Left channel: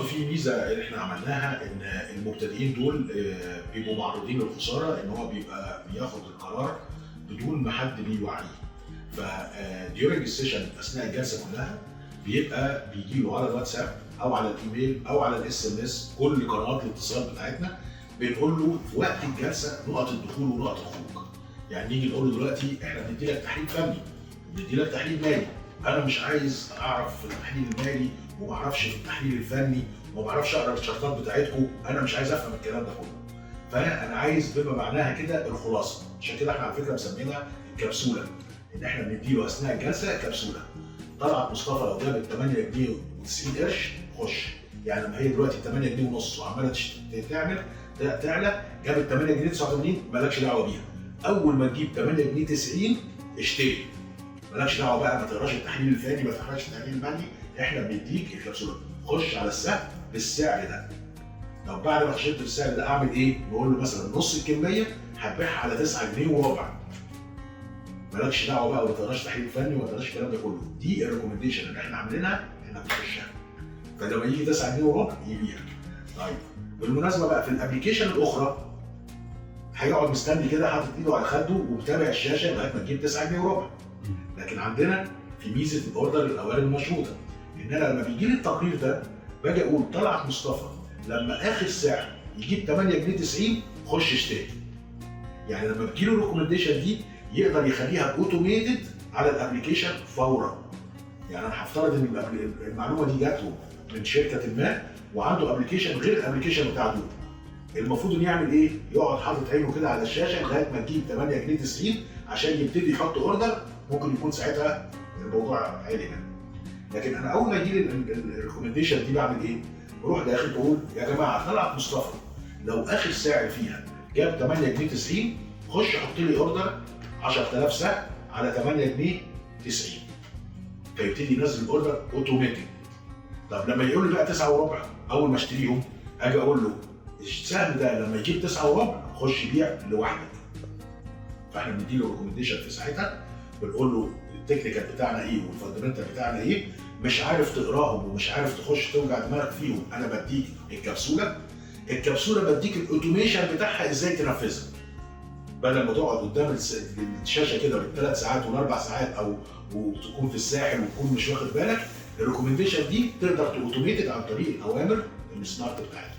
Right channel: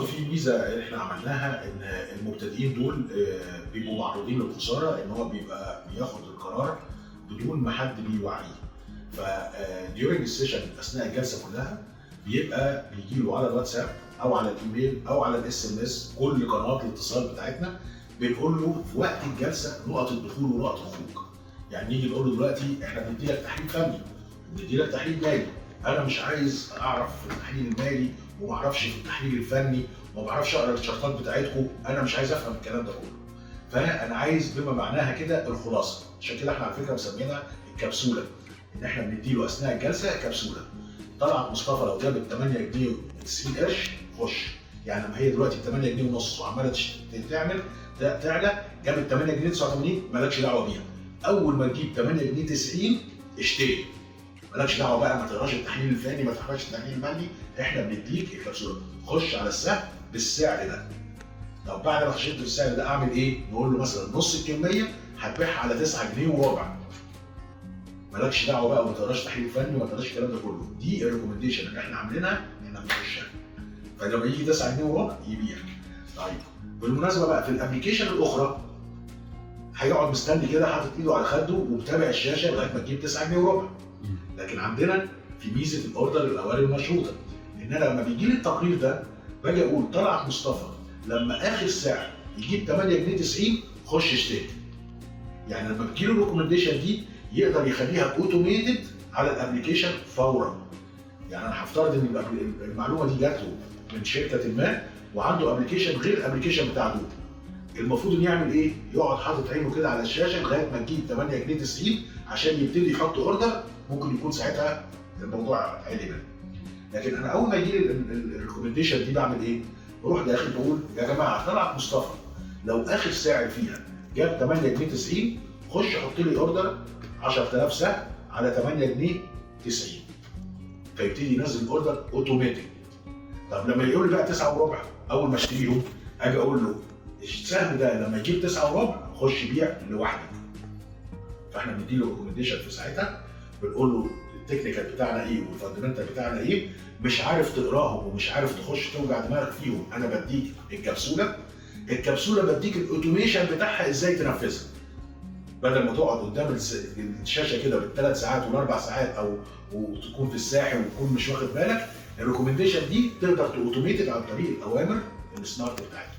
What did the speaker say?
برضه في ميزه احنا عملناها ان المبتدئين دول بيبقوا معرضين للخساره، ان هو بيبقى بياخد القرار بدون ما حد بيوعيه. ف during السيشن اثناء الجلسه كلها بيبقى بيجي له على الواتساب او على الايميل او على الاس ام اس كل قنوات الاتصال بتاعتنا، بنقول له في وقت الجلسه نقط الدخول ونقط الخروج. يعني نيجي نقول له دلوقتي احنا بندي لك تحليل فني، بندي لك تحليل مالي، انا مش عايز اعرف في التحليل المالي وما اعرفش في التحليل الفني وما اعرفش اقرا الشرطات بتاعتكم، انا مش عايز افهم الكلام ده كله. فانا عايز بما معناها كده الخلاصه، عشان كده احنا على فكره مسمينها الكبسوله، ان احنا بنديله اثناء الجلسه كبسوله. طلعت مصطفى لو جابت 8 جنيه و90 قرش خش، يعني لما هي دلوقتي 8 جنيه ونص وعماله تعلى، جابت 8 جنيه 89 مالكش دعوه بيها. اول ما تجيب 8 جنيه 90 اشتري، مالكش دعوه بقى، ما تقراش التحليل الفني، ما تقراش التحليل المالي، احنا بنديك الكبسوله. خش على السهم بالسعر ده. طب بعد ما خشيت بالسعر ده اعمل ايه؟ نقول له مثلا نص الكميه هتبيعها على 9 جنيه وربع. مالكش دعوه بقى وما تقراش تحليل فني وما تقراش الكلام ده كله، دي الريكومنديشن اللي احنا عاملينها انك تخشها. فلما يجي 9 جنيه وربع يبيع. طيب بالمناسبه بقى في الابلكيشن الاخرى هيقعد مستني كده حاطط ايده على خده ومتابع الشاشه لغايه ما تجيب 9 جنيه وربع. لكن عندنا في ميزه الاوردر الاوامر المشروطه، ان انا لما بيجي لي التقرير ده باجي اقول طلعت مصطفى لما اخر سعر يجيب 8 جنيه 90 خش اشتري. يعني لما بتجي له الريكومنديشن دي يقدر يخليها اوتوميتد على الابلكيشن فورا. يعني انا هفترض ان المعلومه دي جات له من شركه ما وعنده ابلكيشن غير الابلكيشن بتاع دول، المفروض انه يعمل ايه؟ يقعد حاطط عينه كده على الشاشه لغايه ما تجيب 8 جنيه 90 عشان يبتدي يحط اوردر. ممكن يكون ساعتها الموضوع عالي منه. لكن انا اول ما يجي لي الريكومنديشن دي بعمل ايه؟ بروح داخل بقول يا جماعه طلعت مصطفى لو اخر سعر فيها جاب 8 جنيه 90 خش حط لي اوردر 10000 سهم على 8 جنيه 90. فيبتدي ينزل الاوردر اوتوماتيك. طب لما يقول لي بقى 9 وربع اول ما اشتريهم اجي اقول له السهم ده لما يجيب 9 وربع خش بيع لوحدك. فاحنا بندي له ريكومنديشن في ساعتها، بنقول له التكنيكال بتاعنا ايه والفاندمنتال بتاعنا ايه، مش عارف تقراهم ومش عارف تخش توجع دماغك فيهم، انا بديك الكبسوله بديك الاوتوميشن بتاعها ازاي تنفذها. بدل ما تقعد قدام الشاشه كده بالثلاث ساعات والاربع ساعات او وتكون في الساحل وتكون مش واخد بالك، الريكومنديشن دي تقدر تاوتوميتد عن طريق الاوامر السمارت بتاعتها.